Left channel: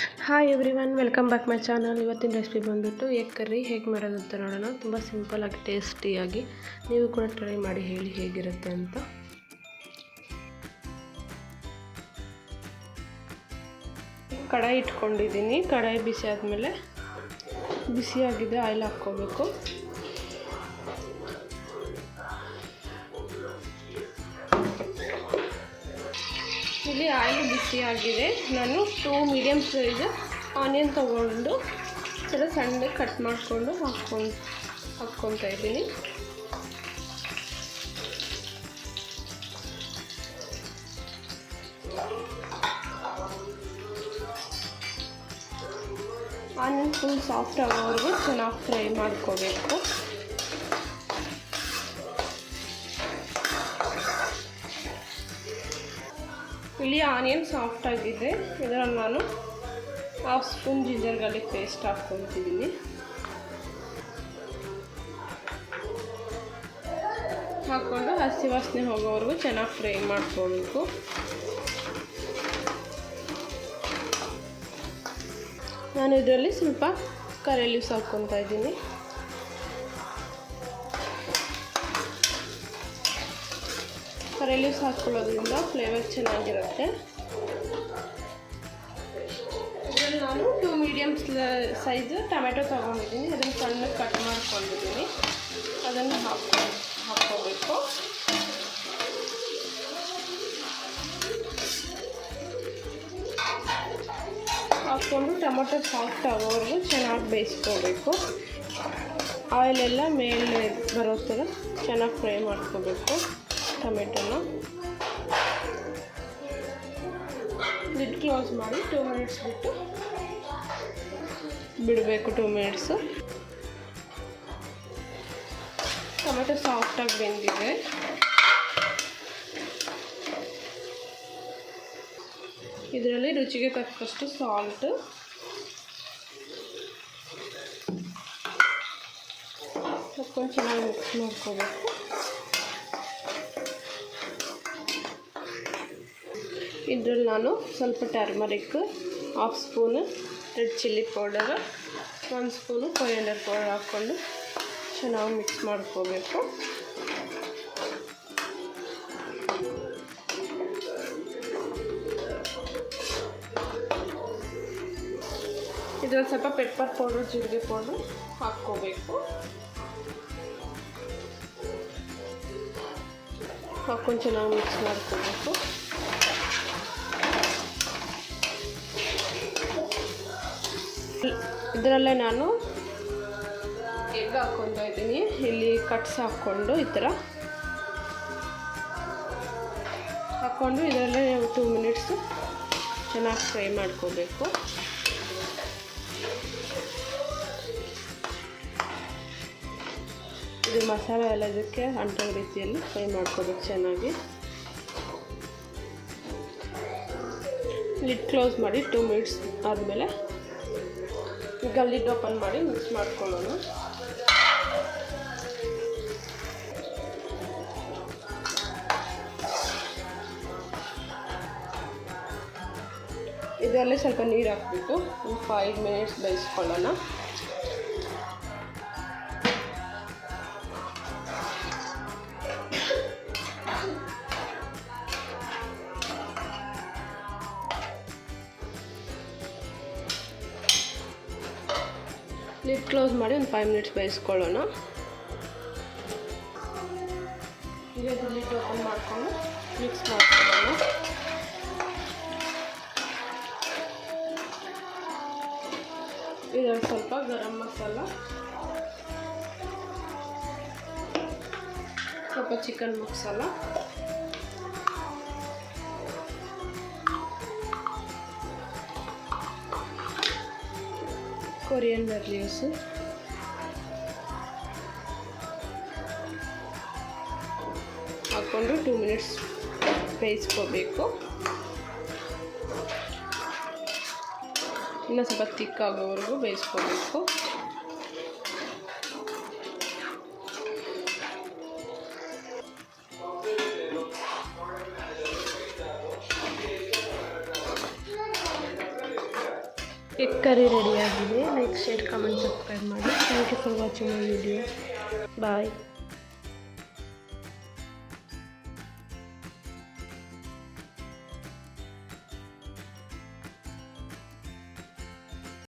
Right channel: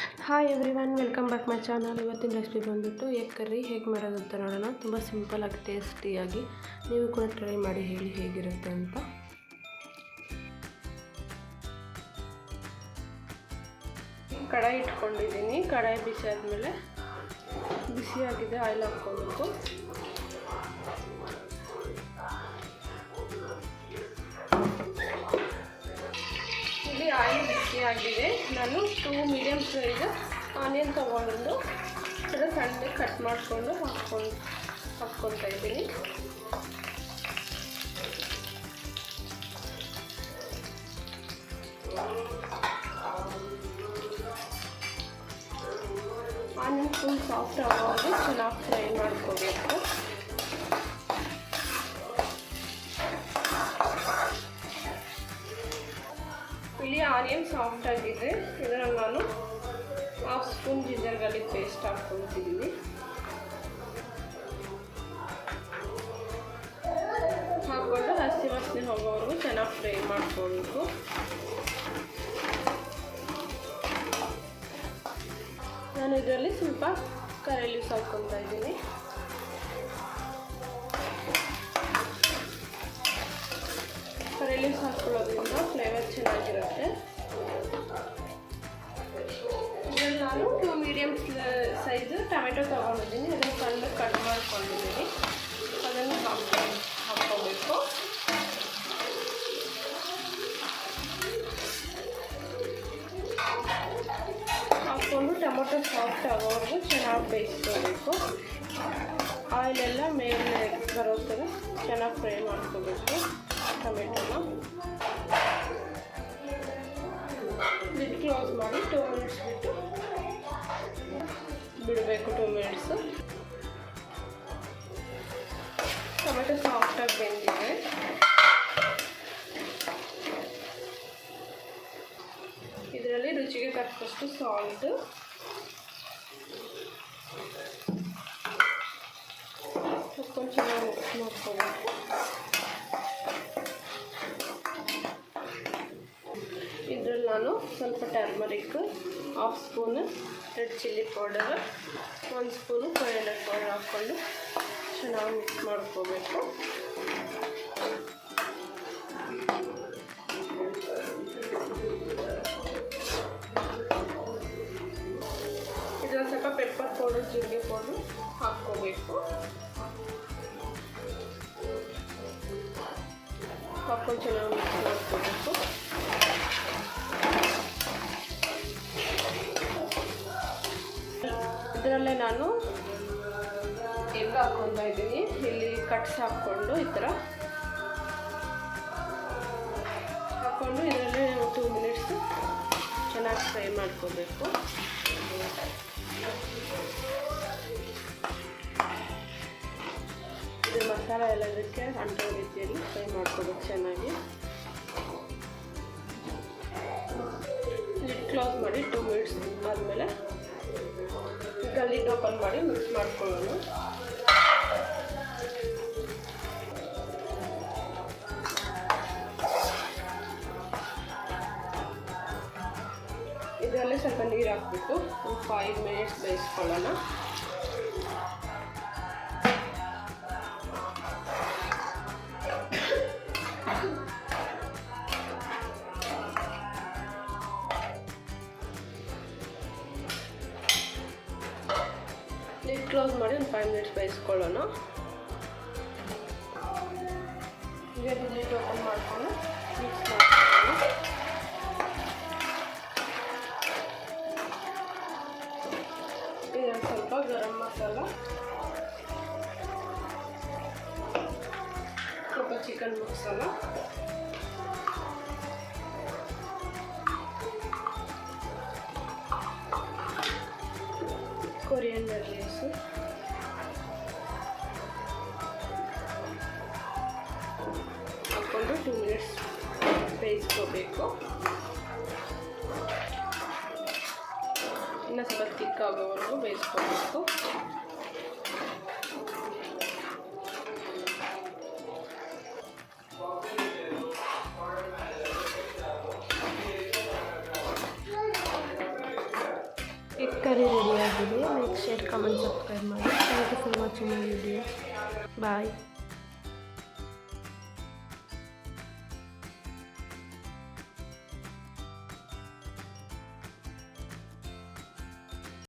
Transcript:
Hi everyone, welcome back my channel. ಇವತ್ತಿನ recipe ಬಂದುಬಿಟ್ಟು egg curry ಹೇಗೆ ಮಾಡೋದು ಅಂತ ನೋಡೋಣ. ತುಂಬ ಸಿಂಪಲಾಗಿ ಟೇಸ್ಟಿಯಾಗಿ ನೀವು ಕೂಡ ಟ್ರೈ ಮಾಡಿ ಹೇಳಿ ಹೇಗಿರುತ್ತೆ ಅಂತ. ಕಡಾಯಿ ಇಟ್ಕೊಂಡಿದ್ದೀನಿ. ಕಡಾಯಿ ಬಿಸಿ ಆದಮೇಲೆ ಬಿಸಿಯಾಗಿದೆ ಆಯಿಲ್ ಹಾಕ್ಕೋಬೇಕು. ಇಲ್ಲಿ ಆಯಿಲ್ ಬಿಸಿಯಾಗಿದೆ. ನಾನು 2 ಮೀಡಿಯಮ್ ಸೈಜ್ ಆನಿಯನ್ ತೊಗೊಂಡು ಸ್ವಲ್ಪ ಸಣ್ಣಗೆ ಕಟ್ ಮಾಡಿಕೊಂಡು ಹಾಕ್ಕೊತಾ ಇದ್ದೀನಿ. ಆನಿಯನ್ ಫುಲ್ ಸಾಫ್ಟ್ ಆಗೋವರೆಗೂ ಚೆನ್ನಾಗಿ ಫ್ರೈ ಮಾಡ್ಕೋಬೇಕು. ಇಲ್ಲಿ ಆನಿಯನ್ ಸಾಫ್ಟ್ ಆಗಿದೆ. ಇದರಲ್ಲಿ ನಾನು 1/2 ಸ್ಪೂನ್ ಜಿಂಜರ್ ಗಾರ್ಲಿಕ್ ಪೇಸ್ಟ್ ಹಾಕ್ಕೊಳ್ತಿದ್ದೀನಿ. ಹಾಕ್ಕೊಂಡು ಹಸಿ ವಾಸನೆ ಹೋಗೋವರೆಗೂ ಚೆನ್ನಾಗಿ ಫ್ರೈ ಮಾಡ್ಕೊಳ್ಬೇಕು. ನಾನು ಇದರಲ್ಲಿ ಸ್ವಲ್ಪ ಕರಿ ಲೀವ್ಸ್ ಹಾಕ್ಕೊತಾ ಇದ್ದೀನಿ. ಕರಿ ಲೀವ್ಸ್ ಹಾಕ್ಕೊಳ್ಳೋದ್ರಿಂದ ಫ್ಲೇವರ್ ಚೆನ್ನಾಗಿರುತ್ತೆ. ಇದರಲ್ಲಿ ನಾನು 2 ಮೀಡಿಯಮ್ ಸೈಜ್ ಟೊಮೆಟೊ ತೊಗೊಂಡಿದ್ದೀನಿ. ಅದನ್ನು ಸಣ್ಣಗೆ ಕಟ್ ಮಾಡ್ಕೊಂಡಿದ್ದೀನಿ. ಅದನ್ನು ಹಾಕ್ಕೋಬೇಕು. ಹಾಕ್ಕೊಂಡು ಟೊಮೆಟೊ ಸಾಫ್ಟ್ ಆಗೋವರೆಗೂ ಚೆನ್ನಾಗಿ ಬೇಯಿಸ್ಕೋಬೇಕು. ಆಯಿಲೆಲ್ಲ ಮೇಲೆ ಬರೋ ಥರ ಚೆನ್ನಾಗಿ ಫ್ರೈ ಮಾಡ್ಕೋಬೇಕು ಟೊಮೆಟೊನ. ಲಿಡ್ ಕ್ಲೋಸ್ ಮಾಡಿ 2 ಮಿನಿಟ್ಸ್ ಬಿಟ್ಟು ಬಿಡಬೇಕು. 2 ಮಿನಿಟ್ಸು. ಟೊಮೆಟೊ ಸಾಫ್ಟಾಗಿ ಬೆಂದಿದೆ. ಇದರಲ್ಲಿ ರುಚಿಗೆ ತಕ್ಕಷ್ಟು ಸಾಲ್ಟ್, ಹಾಕ್ಕೊಂಡು ಚೆನ್ನಾಗಿ ಮಿಕ್ಸ್ ಮಾಡ್ಕೋಬೇಕು. ಇದರಲ್ಲಿ ನಾನು ಸ್ವಲ್ಪ turmeric, 1/2 spoon red chilli powder, 1 spoon coriander powder ಹಾಕ್ಕೊಂಡು ಚೆನ್ನಾಗಿ ಮಿಕ್ಸ್ ಮಾಡ್ಕೋಬೇಕು. ಇದರಲ್ಲಿ ಸ್ವಲ್ಪ ಪೆಪ್ಪರ್ ಪೌಡರ್, ಜೀರಿಗೆ ಪೌಡರ್ ಹಾಕ್ಕೋಬೇಕು. ಹಾಕ್ಕೊಂಡು ಚೆನ್ನಾಗಿ ಮಿಕ್ಸ್ ಮಾಡ್ಕೋಬೇಕು. ಇದರಲ್ಲೇ ನಾನು ಎಗ್ ಹಾಕ್ಕೊತಾ ಇದ್ದೀನಿ. ಇಲ್ಲಿ ಕಟ್ಸ್ ಹಾಕ್ಕೊಂಡು ಈ ಥರ ಹಾಕ್ಕೊಂಡು ಇದರಲ್ಲೇ 2 ಮಿನಿಟ್ಸ್ ಚೆನ್ನಾಗಿ ಫ್ರೈ ಮಾಡ್ಕೋಬೇಕು. ಇದು ಮಸಾಲೆ ಎಲ್ಲ ಇದಕ್ಕೆ ಅಂಟೋ ರೀತಿಯಲ್ಲಿ ಫ್ರೈ ಮಾಡ್ಕೋಬೇಕು ಚೆನ್ನಾಗಿ. ಲಿಡ್ ಕ್ಲೋಸ್ ಮಾಡಿ 2 ಮಿನಿಟ್ಸ್ ಆದಮೇಲೆ ಈಗ ಲಿಡ್ ಓಪನ್ ಮಾಡಿ ಮಿಕ್ಸ್ ಮಾಡ್ಕೊಳ್ಳೋಣ. ಇದರಲ್ಲಿ ಸ್ವಲ್ಪ ನೀರು ಹಾಕ್ಬಿಟ್ಟು ಒಂದು 5 ಮಿನಿಟ್ಸ್ ಬೇಯಿಸ್ಕೊಳ್ಳೋಣ. ಲಿಡ್ ಕ್ಲೋಸ್ ಮಾಡಿ ಒಂದು 5 ಮಿನಿಟ್ಸ್ ಬೇಯಿಸ್ಕೊಳ್ಳೋಣ. ಈಗ ಲಿಡ್ ಓಪನ್ ಮಾಡಿಕೊಂಡು ಮಿಕ್ಸ್ ಮಾಡ್ಕೊಳ್ಳೋಣ. ಇದರಲ್ಲಿ ಸ್ವಲ್ಪ ಗರಂ ಮಸಾಲ, ಸ್ವಲ್ಪ ಚಿಕನ್ ಮಸಾಲ, ಕೊರಿಯಂಡರ್ ಲೀವ್ಸು, ಹಾಕ್ಕೊಂಡು 2 ಮಿನಿಟ್ಸ್ ಬೇಯಿಸ್ಕೋಬೇಕು. ಇನ್ನು ಸ್ವಲ್ಪ ತಿಕ್ಕಾಗೋವರೆಗೂ ಬೇಯಿಸ್ಕೋಬೇಕು. ಎಗ್ ಕರಿ ರೆಡಿಯಾಗಿದೆ. ಲೈಕ್, ಶೇರ್, ಕಮೆಂಟ್, ಸಬ್ಸ್ಕ್ರೈಬ್ ಮಾಡಿ. Thank you for watching my video. Bye.